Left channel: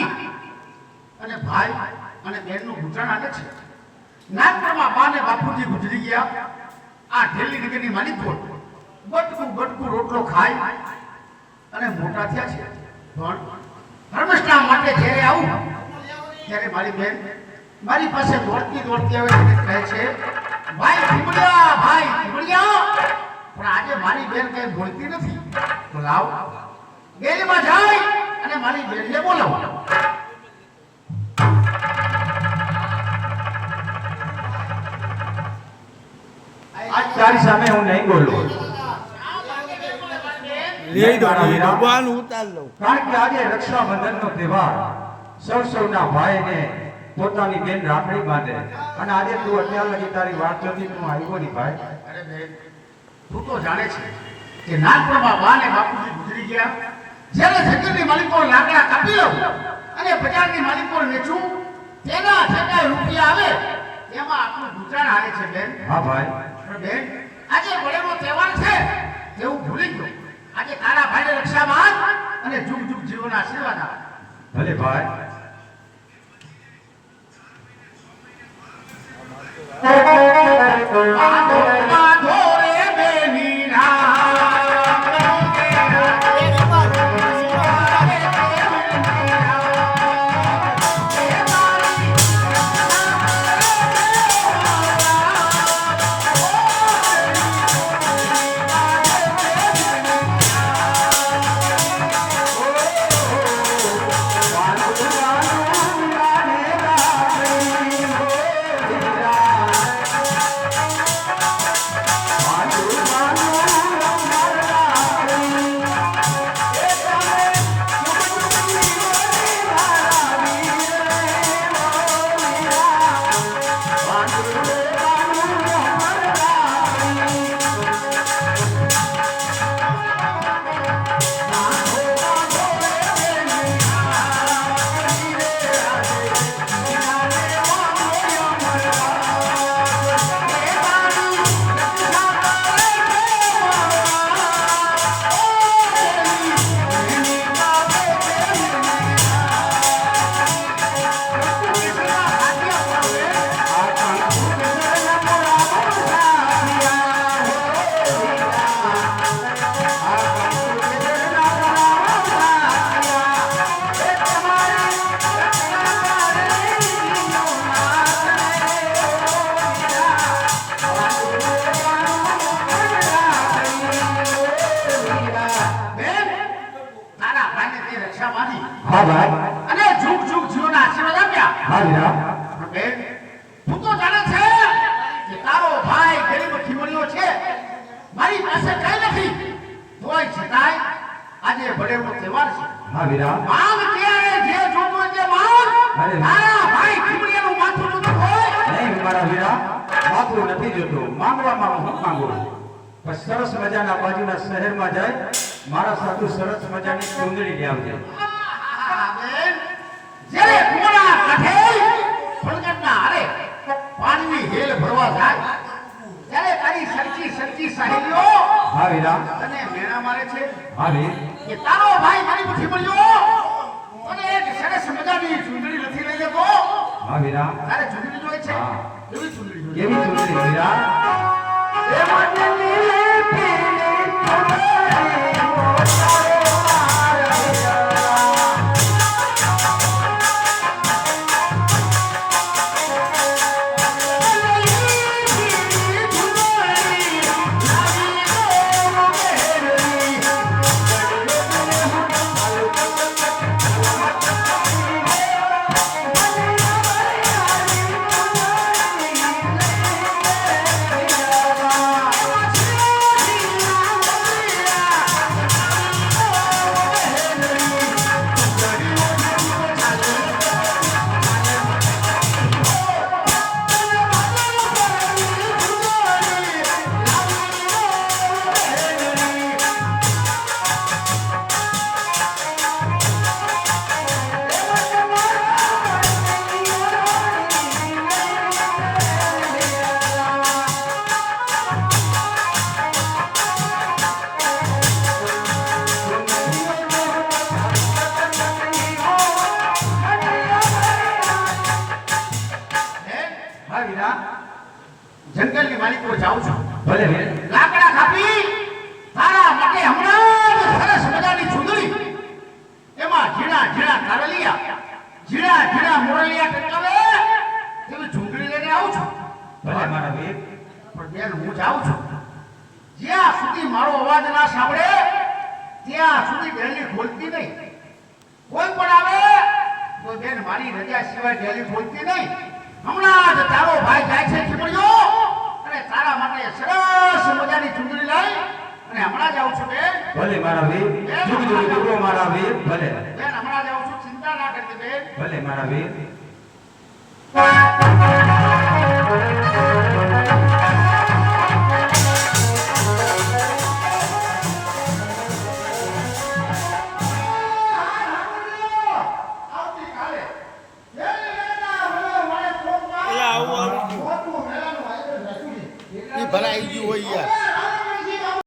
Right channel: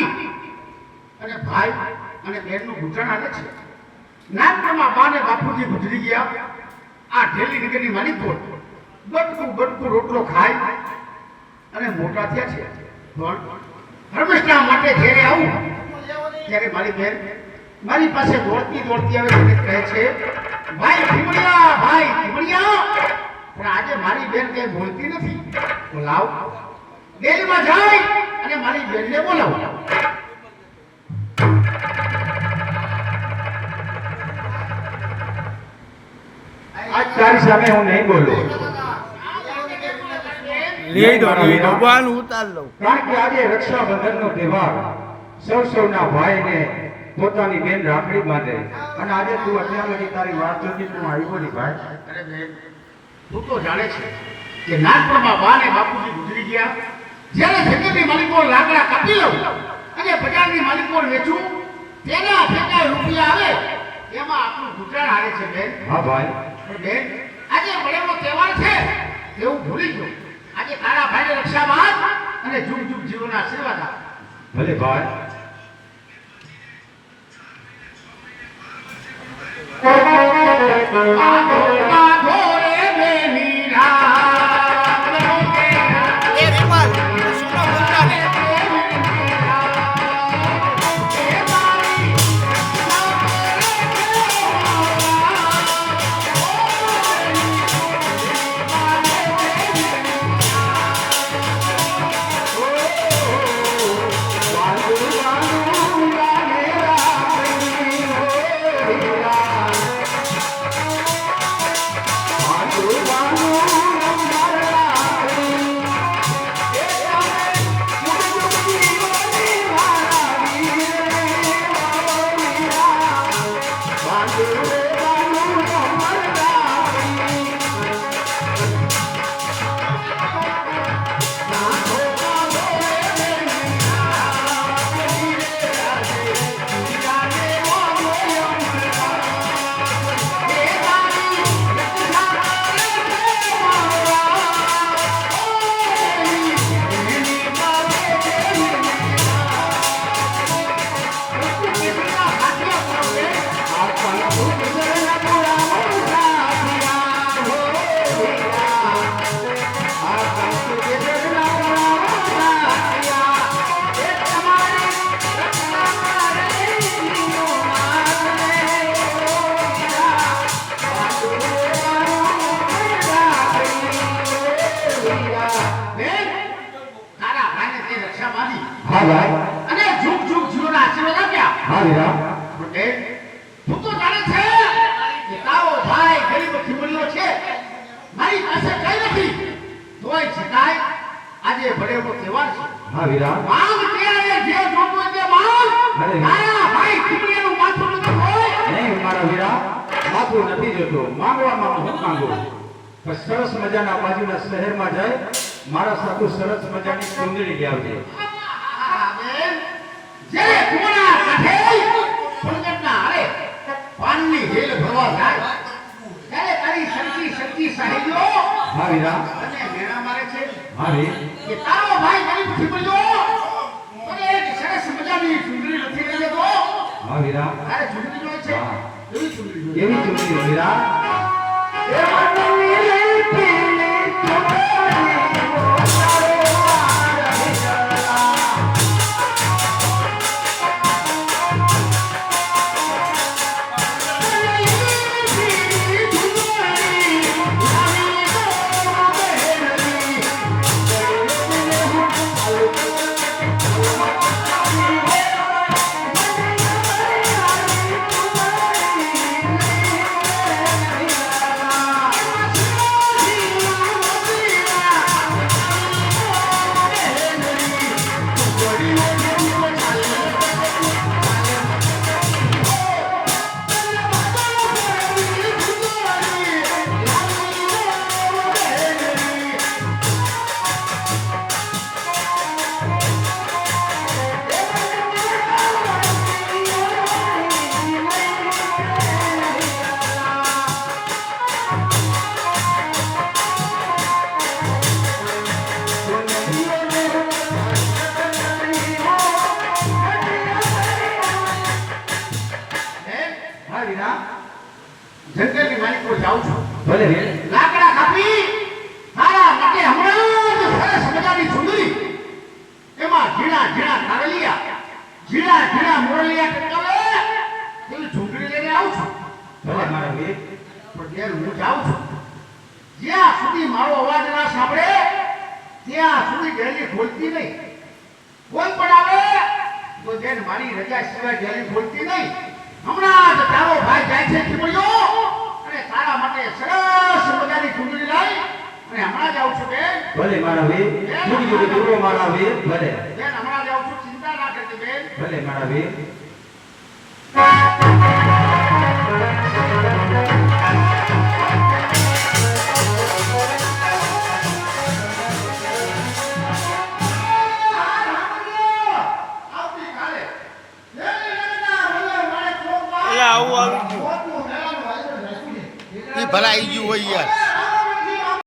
નાની અને ભાઈ અને બહેનનું ગુજરાન હાલે છે. નાનપણમાં બા ને બાપુજી ગુજરી ગયા. આ ઢેલી નગરની માલિકો બટકું રોટલો ખાય અને મોટા થયા છે. પણ ધર્મસ્થાન માટે જ્યારે આવું ત્યારે મારી બહેન મારી પાસે દોડતી આવે અને કહે છે, ભાઈ ભીમડિયા. પણ આજે મારી બહેન કઈ બોલતી નથી. તો લાવ ડેલીમાં જાય અને મારી બહેનને બોલાવો. આજ તારી સામે હું નહીં બોલું. લઈ દો બાન ઉતાર લઉં. કારણ કે આજે રક્ષાબંધનનો તહેવાર સૌના ભાઈને પોતાની બેન રાખડી બાંધે અને આજે તું અત્યાર લગી તારી વાત થતી તું આવી બોલી ભાઈ. અરે બેન, તું તો જાણે છે કે નાનપણમાં બા ને બાપુજી ગુજરી ગયા. જ્યારે ખેતરની માલિકો લાકડા કાપી લઉં અને બજારની માલિકો વેચું, તેના થતા રૂપિયા આવે એમાં આપણું ગુજરાન હાલે છે બેન. હા ભાઈ. પણ બેન, આજે વડેનો તહેવાર છે એવું ભૂલી ગયો. આજે તારા ભાઈને રક્ષા બાંધ અને જુગ જુગ જીવન આશીર્વાદ આપ. ભલે ભાઈ. બાંધો રે બેની રામ એ વિમલ સુનો ઉતારે. હા ભાઈ. અને જુગ જુગ જીવન આશીર્વાદ આપ્યા. હા વીરા. બેન, તું તો જાણે છે કે તારો ભાઈ ગરીબ ખીમણીઓ છે, મારી પાસે કઈ નથી. તોય છતાંય આજે ભરેલો તહેવાર છે. હા વીરા. માંગ ત્યારે જે જોતો હોય તે માંગ. તારા ભાઈ ખીમણીઓનું માથું નથી હોય. નહીં મારા વીરા, માથું નથી જોતું. માંગવામાં હું માંગુ. પણ સરસ મજાના બાજુના શહેરમાં જાય મારા સાધુ સરસ મજાની ચૂંદડી લાવજે. જ્યારે કુમળા કાઠે પંકજના હારે પાનની હેલ ભરવા જાય ત્યારે તારી સચ્ચી સહેલીઓ હા વીરા. તને મેળા મારે છે હા વીર. કે તારો ભાઈ ગરીબ થી મળ્યો અને એક સરસ મજાની ચૂંદડી નથી લઈ લેતો. હા વીરા. તારે ચૂંદડી જોઈ છે? હા. એવી ચૂંદડી જોઈ. એવી ચૂંદડી વીરા. જંગલની માલિકો જાઉં છું ભલે વીર લાકડા કાપી તારા માટે હમણાં જ સરસ મજાની સુંદરી એમાં ઝીણા ઝીણા કારલિયા ઝીણા ઝીણા મોરલિયા ટકાવે એવી ઝૂંટણી લઈને આવું છું ભલે મારા વીર પણ બેન હું જાઉં છું જ્યાં સુધી મારો અવાજ ના સાંભળે ત્યાં સુધી ડેલી ખોલતી નહીં કોઈ પણ આવે તો બેન મારી રજા સિવાય ડેલી ખોલતી નહીં હમણાં જ તારો ભાઈ જાય છે ચીમડીઓ અને તારા માટે સરસ મજાની ચૂંટણી લઈ અને હમણાં જ આવું છું બેન ભલે મારા વીર જુદી જુદી દૂરો મારા વીર ભલે બેન હમણાં જ આવું છું ચિંતા ના કરતી બેન ભલે મારા વીર આવતીકાલે આવું આવી ગયું એ ભલા આવી ગયું હોય યાર